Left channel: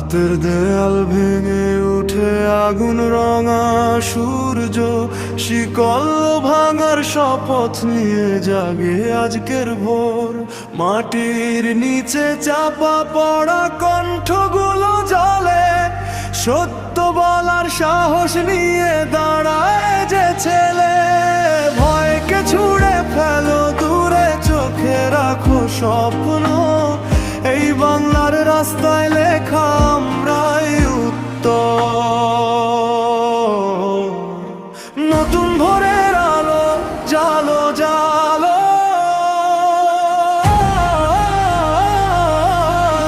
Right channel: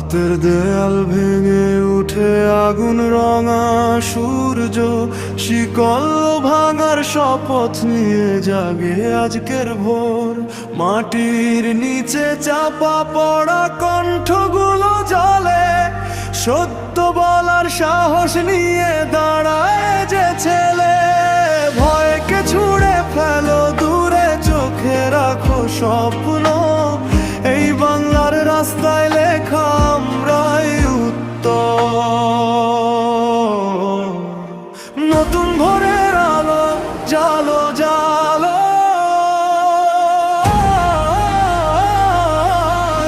রাতের দেয়াল ভেঙে উঠে আগুন রঙা সূর্য, শিকল ভাঙার শপথ নিয়ে জাগে আজকের ভোর। মাটির নিচে চাপা পড়া কণ্ঠগুলো জ্বলে, সত্য বলার সাহস নিয়ে দাঁড়ায় যে ছেলে। ভয়কে ছুঁড়ে ফেলো দূরে, চোখে রাখো স্বপ্ন, এই বাংলার রাস্তায় লেখা আমরাই উত্তর। নতুন ভোরের আলো জালো জালো,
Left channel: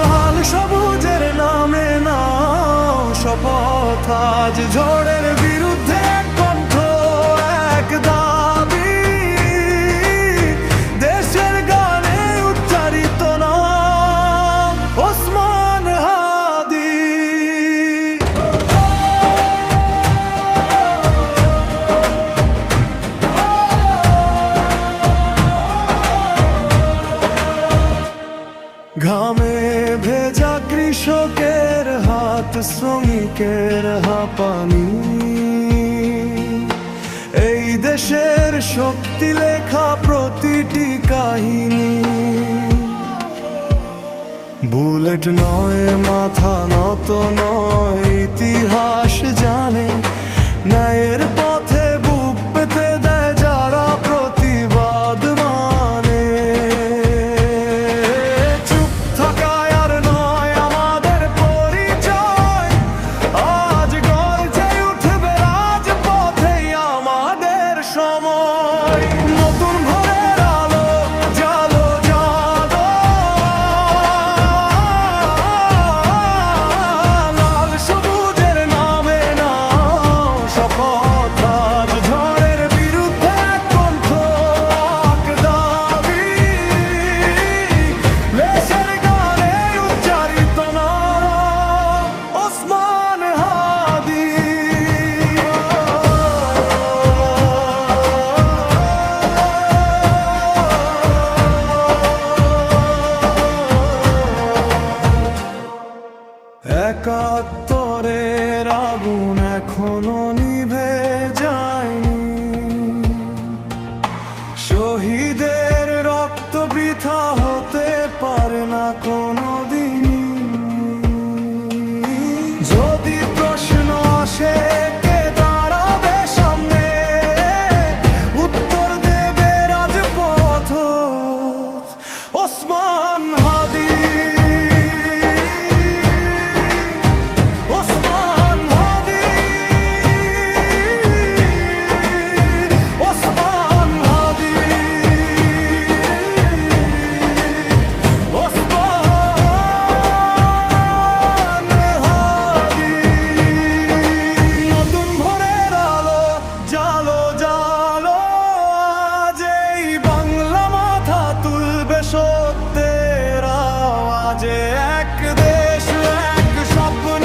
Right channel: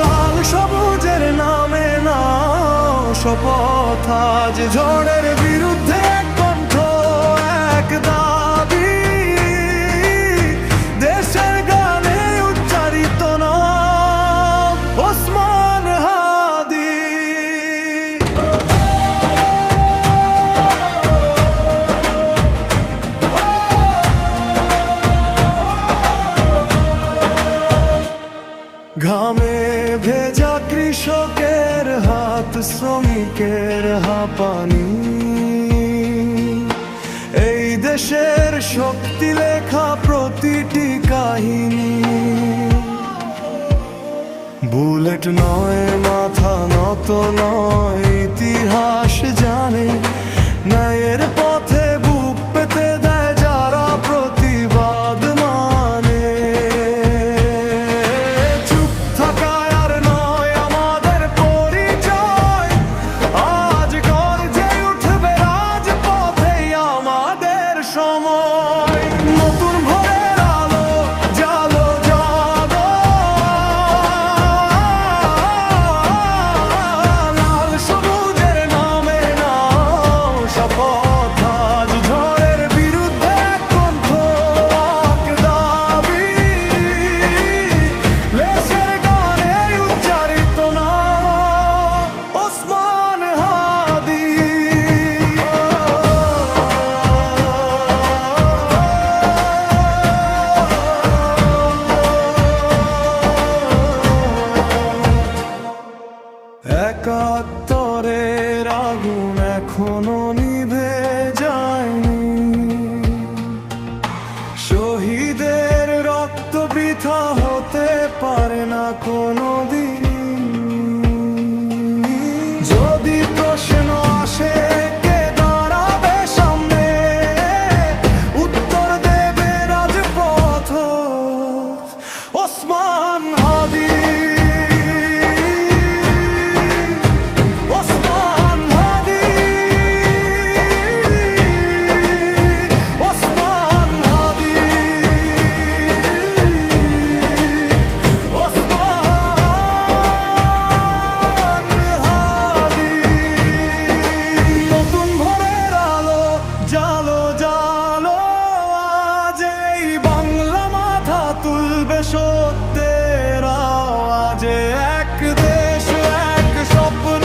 লাল সবুজের নামে নাও শপথ। আজ ঝড়ের বিরুদ্ধে এক কণ্ঠ, এক দাবি, দেশের গানে উচ্চারিত নাম ওসমান হাদি। ঘামে ভেজা কৃষকের হাত, শ্রমিকের হাঁপানি, এই দেশের শক্তি লেখা প্রতিটি কাহিনী। বুলেট নয়, মাথা নত নয়, ইতিহাস জানে ন্যায়ের পথে বুক পেতে দেয় যারা প্রতিবাদ মানে। চুপ থাকায় আর নয় আমাদের পরিচয়, আজ গর্জে উঠবে রাজপথেই আমাদের সময়। নতুন ভোরের আলো জালো জালো, লাল সবুজের নামে নাও শপথ। আজ ঝড়ের বিরুদ্ধে এক কণ্ঠ, এক দাবি, দেশের গানে উচ্চারিত নাম ওসমান হাদি। একাত্তরের আগুন এখনো নিভে যায়নি, শহীদের রক্ত বৃথা হতে পারে না কোনোদিনই। যদি প্রশ্ন আসে কে দাঁড়াবে সামনে, উত্তর দেবে রাজপথ ওসমান হাদি। ওসমান হাদি, ওসমান হাদি, ওসমান হাদি। নতুন ভোরের আলো জালো জালো, আজ এই বাংলা মাথা তুলবে সত্যের আওয়াজে। এক দেশ, এক স্বপ্ন,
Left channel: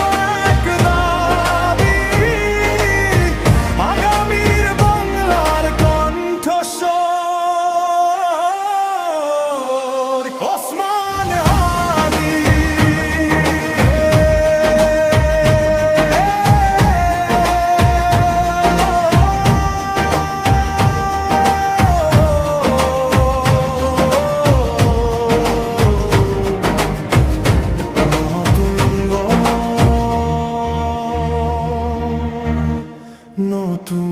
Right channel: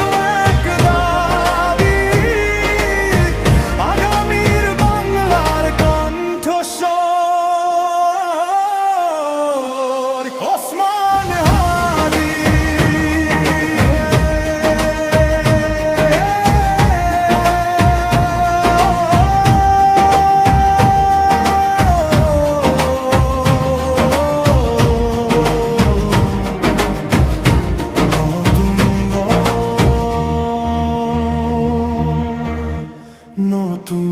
এক দাবি, আগামীর বাংলার কণ্ঠস্বর ওসমান হাদি। নতুন